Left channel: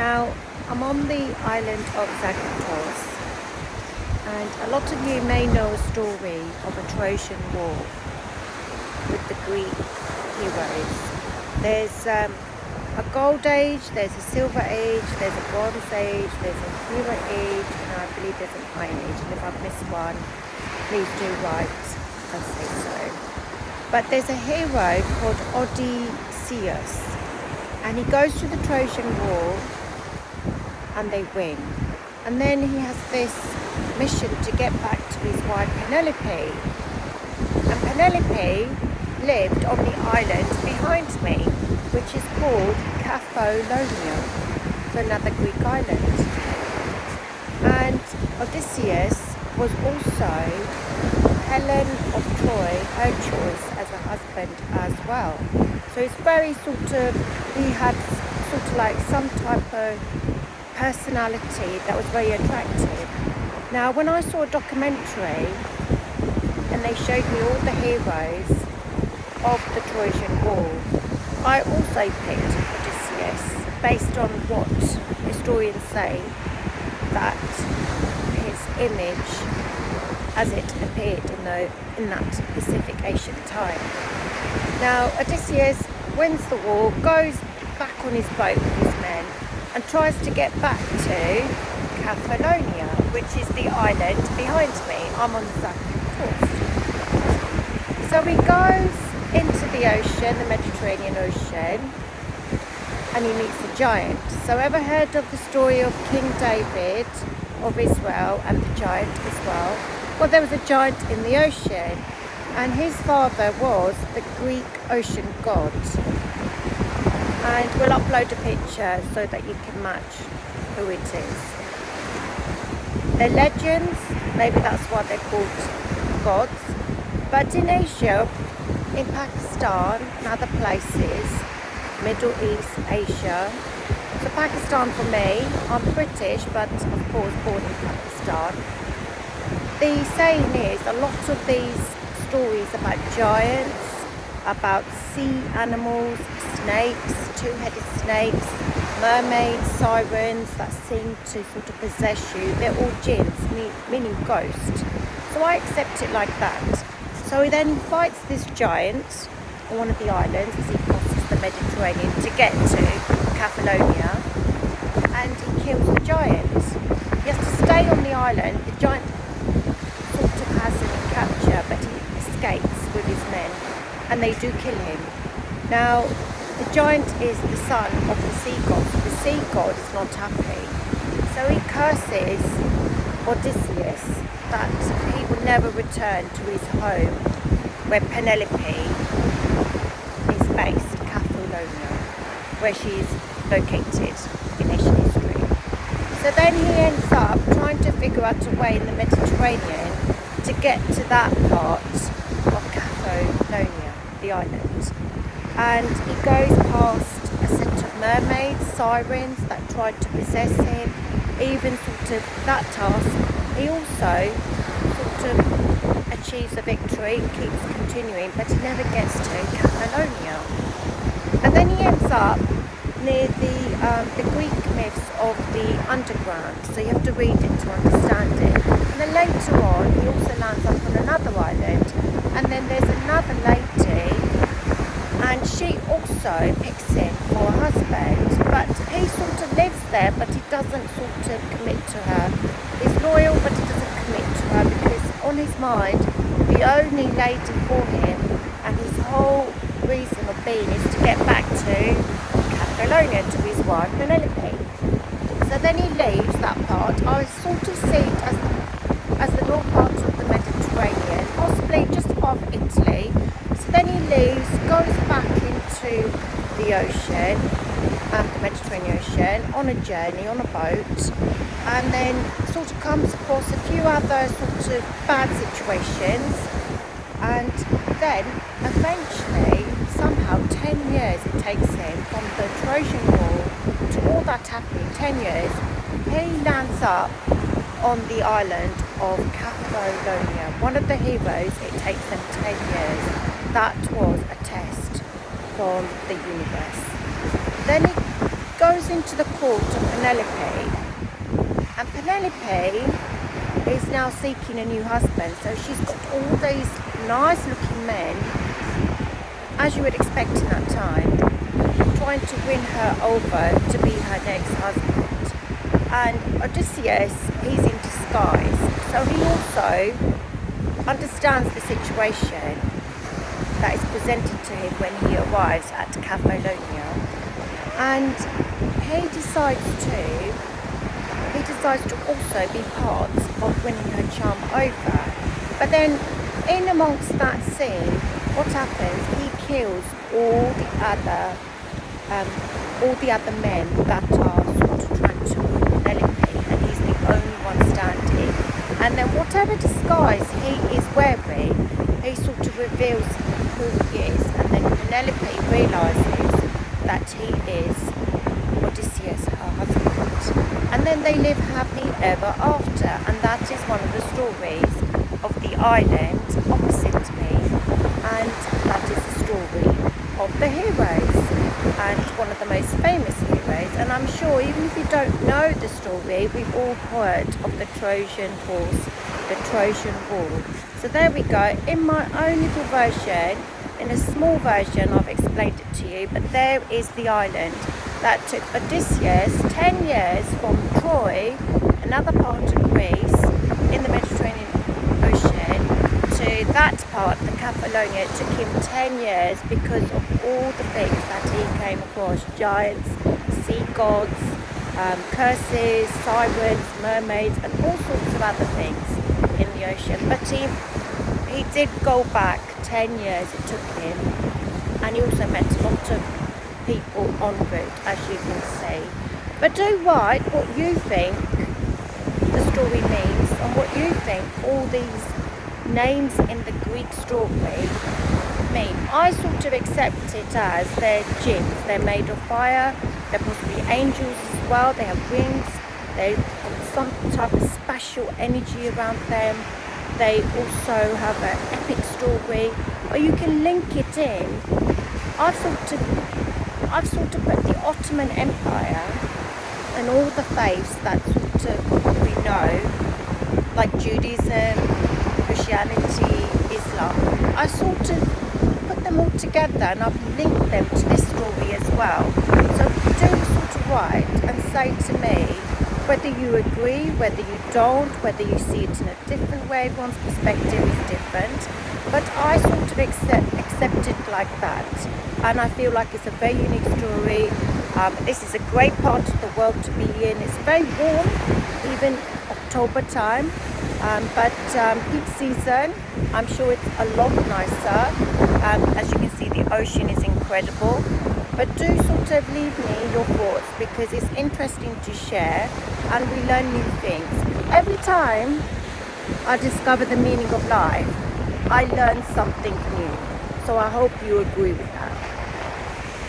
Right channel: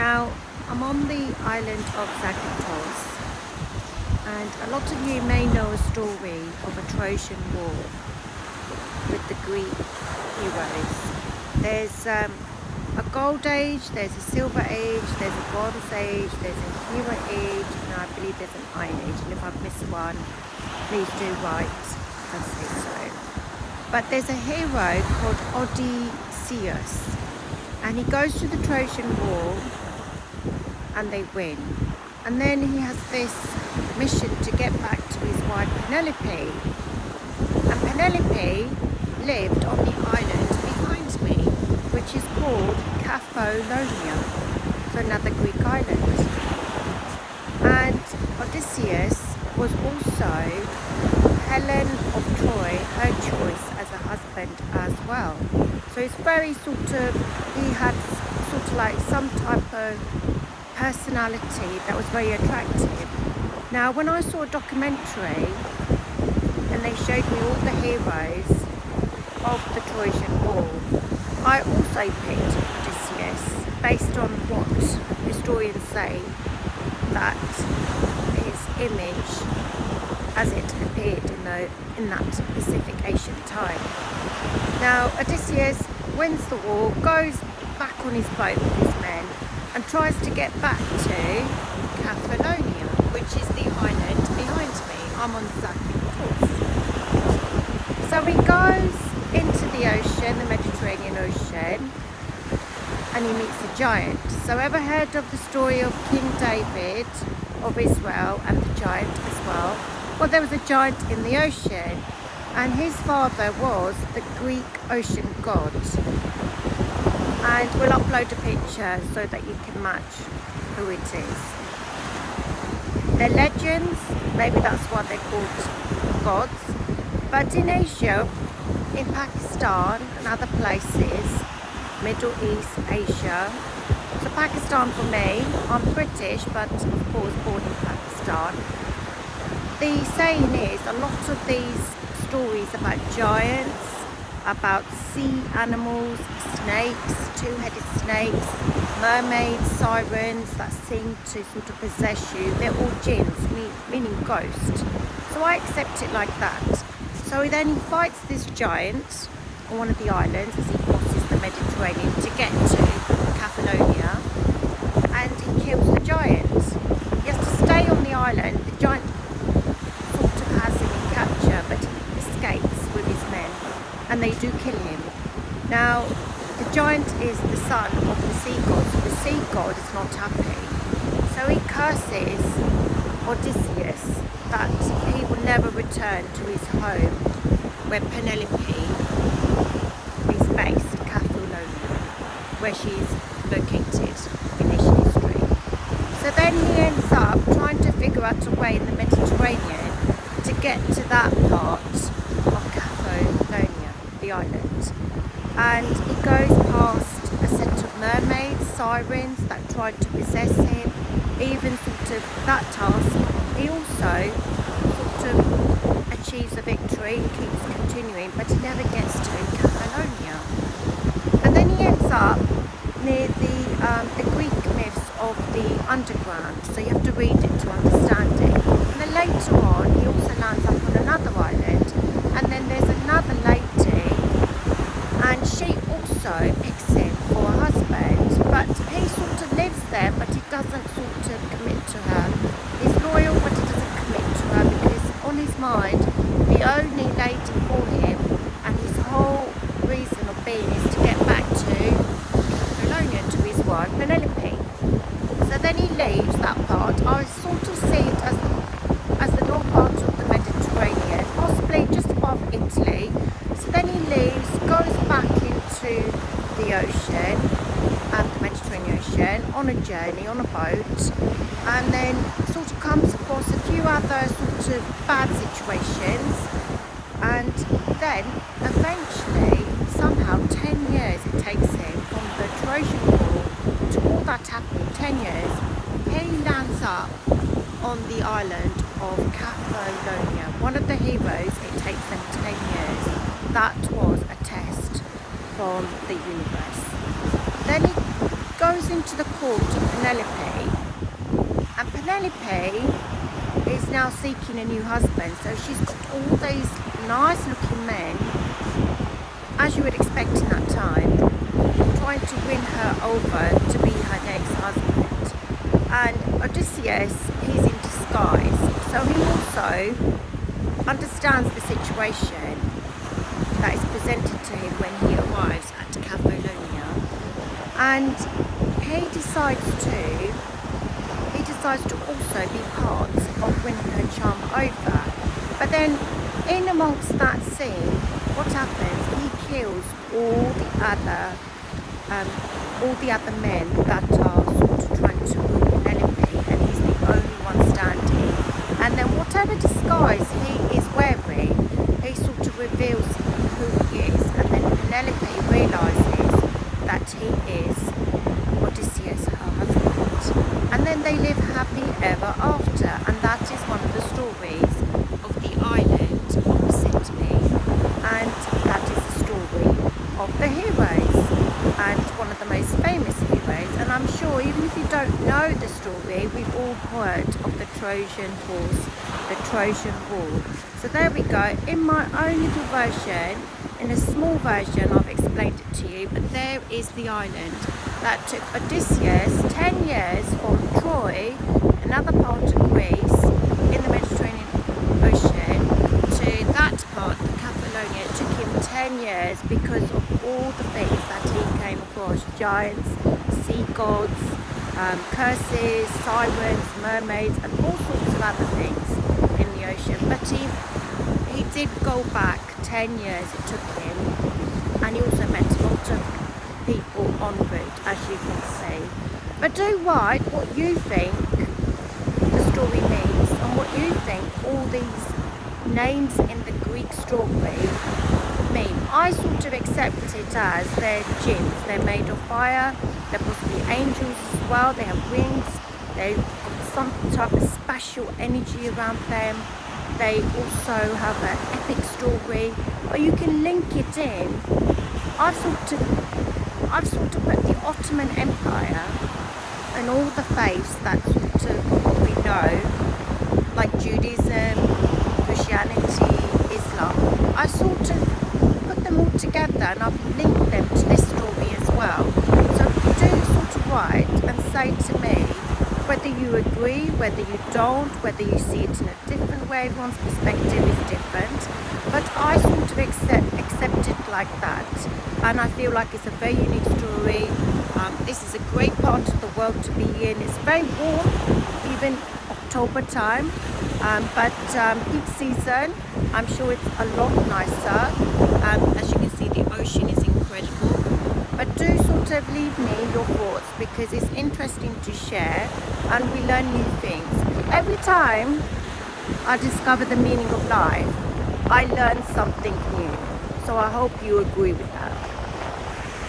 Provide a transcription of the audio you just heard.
Now, I'm on the island of Zakynthos, and a lot of you may know a story of a Trojan War with the Greek heroes. There's a gold age, there's a silver age, there's a bronze age, there's a hero age, and I believe there's an iron age. And if I've missed one, please do write and say so. But there's a hero called Odysseus, and he goes to the Trojan War and they win. And then he has this mission to get back to his wife Penelope. And Penelope lived on the island behind me, which is called Capphalonia, so another Greek island. And Odysseus was also Helen of Troy, her choice as a husband as well. So it's very he had like some type of personality that was very attractive. Now, when I saw a documentary and they showed me all the heroes of the Trojan War, I also picked Odysseus based on what historians say that his image as it appeared in that specific ancient time. Now, Odysseus wins the war, goes back on his boat with his men and tries to get back to Capphalonia, which is the island behind me. I'm on Zakynthos. So he goes into the ocean, the Mediterranean Ocean, and he meets a giant. So ever heard of the story of King David of Israel and the giant as well? Well, there was a giant in the ocean, and his father was the Greek ocean god. And we'll upload a picture so that you can match who it is. They're legends, maybe that's why they're called gods. But in Asia, in Pakistan and other places, Middle East, Asia. So Pakistan for me, I'm British, but of course born in Pakistan. The saying is, a lot of these stories about giants, about sea animals, snakes, two-headed snakes, mermaids, sirens that seem to sort of possess you, they're all jinns, meaning ghosts. So I accept it like that. So he then fights this giant on one of the islands as he crosses the Mediterranean to get to Capphalonia, and he kills the giant. He has to stay on the island. The giant sort of has him in capture, but he escapes with his men, and they do kill him. Now, the giant is the son of the sea god, so the sea god is not happy. So he curses Odysseus that he will never return to his home where Penelope is based, Capphalonia, where she is located in his history. So then he ends up trying to figure out a way in the Mediterranean to get to that part of Capphalonia, the island. And he goes past a set of mermaids, sirens that tried to possess him. Even sort of that task, he also sort of achieves a victory and keeps continuing, but he never gets to Capphalonia. And then he ends up near the Greek myths of the underground, so you have to read it to understand it. And then later on, he also lands up on another island, and then there's another lady, and she also picks him for a husband, but he sort of lives there, but he doesn't sort of commit to her. He's loyal, but he doesn't commit to her because on his mind, the only lady for him and his whole reason of being is to get back to Capphalonia, to his wife Penelope. So then he leaves that part. I sort of see it as the north part of the Mediterranean, possibly just above Italy. So then he leaves, goes back into the ocean and the Mediterranean Ocean on a journey, on a boat, and then sort of comes across a few other sort of bad situations, and then eventually, somehow 10 years it takes him from the Trojan War to all that happening, 10 years, he lands up on the island of Capphalonia. One of the heroes, it takes them 10 years. That was a test from the universe. Then he goes goes into the court of Penelope, and Penelope is now seeking a new husband. So she's got all these nice looking men, as you would expect in that time, trying to win her over to be her next husband. And Odysseus, he's in disguise, so he also understands the situation that is presented to him when he arrives at Cephalonia, and he decides to also be part of winning her charm over. But then in amongst that scene, what happens, he kills all the other men that are sort of trying to win Penelope, and he's the only one standing. And then whatever disguise he is wearing, he sort of reveals who he is, and then Penelope realizes that he is Odysseus, her husband. And then they live happy ever after, and that is one of the stories of the island opposite me, and that is the story of the heroes, and one of the most famous heroes. And I'm sure even if you don't know the story, we've all heard of the Trojan horse, the Trojan War. So there we go. In my own little version, in a small version, I've explained it to you, but there is the island that took Odysseus 10 years from Troy, another part of Greece in the Mediterranean Ocean, to that part, the Cephalonia. It took him 10 years because of all the things that he came across: giants, sea gods, curses, sirens, mermaids, and all sorts of other things in the ocean. But he did go back 10 years, it took him, and he also met a lot of people en route, as you can see. But do write what you think the story means, and what you think all these names in the Greek story mean. I sort of accept it as they're jinns. They're made of fire, they're possibly angels as well, they have wings, they've got some type of special energy around them. They also have an epic story, but you can link it in. I've sort of put the Ottoman Empire and all the faiths that sort of we know, like Judaism, Christianity, Islam. I sort of put them all together, and I've linked them to this story as well. So do sort of write and say to me whether you agree, whether you don't, whether you see it in a different way. Everyone's perspective is different, but I sort of accept it like that, and I feel like it's a very unique story. This is a great part of the world to be in. It's very warm, even October time, but peak season, I'm sure it's a lot nicer. As you can see, the ocean is incredible. But do sort of leave me your thoughts, because it's interesting to share and we learn new things. Every time I discover the meaning of life, I learn something new. So I hope you agree with that.